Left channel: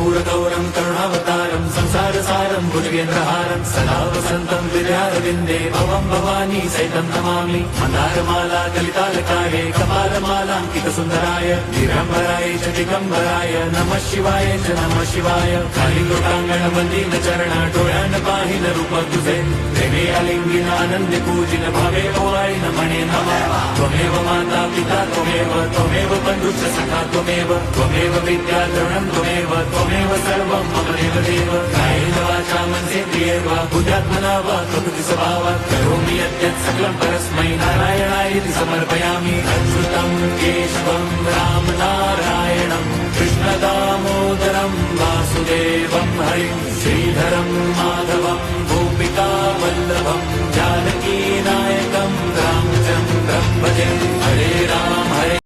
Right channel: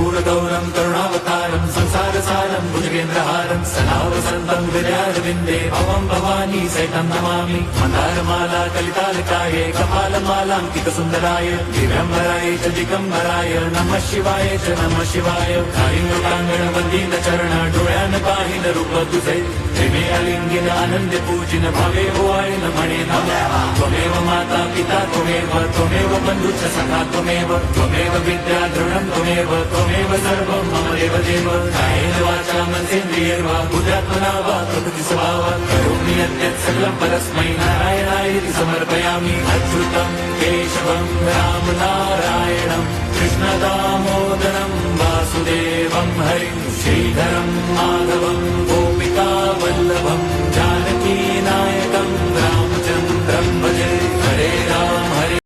कर्पूरगौरं करुणावतारं संसारसारं भुजगेन्द्रहारं सदा वसन्तं विद्यारविन्दे भवं भवानी सहितं नमामि मन्दारमाला कलितालकाये कपालमालाङ्कितसुन्दराय दिगम्बराय च दिगम्बराय नमः शिवाय च नमः शिवाय खाली लोकांगण वंदित चरण डोळ्यान पाहिन रूप तुझे प्रेमे अलिंगिन आनंदी पूजिन भावे ओवाळीन म्हणे नमः त्वमेव माता पिता त्वमेव बंधुच सखा त्वमेव विद्या द्रवणं त्वमेव सर्वं मम देव कायेन वाचा मनसेन्द्रियैर्वा बुद्ध्यात्मना वा प्रकृति स्वभावात् करोमि यद्यत् सकलं परस्मै नारायणायति समर्पयामि अच्युतं केशवं राम नारायणं कृष्णदामोदरं वासुदेवं हरिं श्रीधरं माधवं गोपिका वल्लभं जानकी नायकं रामचन्द्रं भजे हरे राम हरे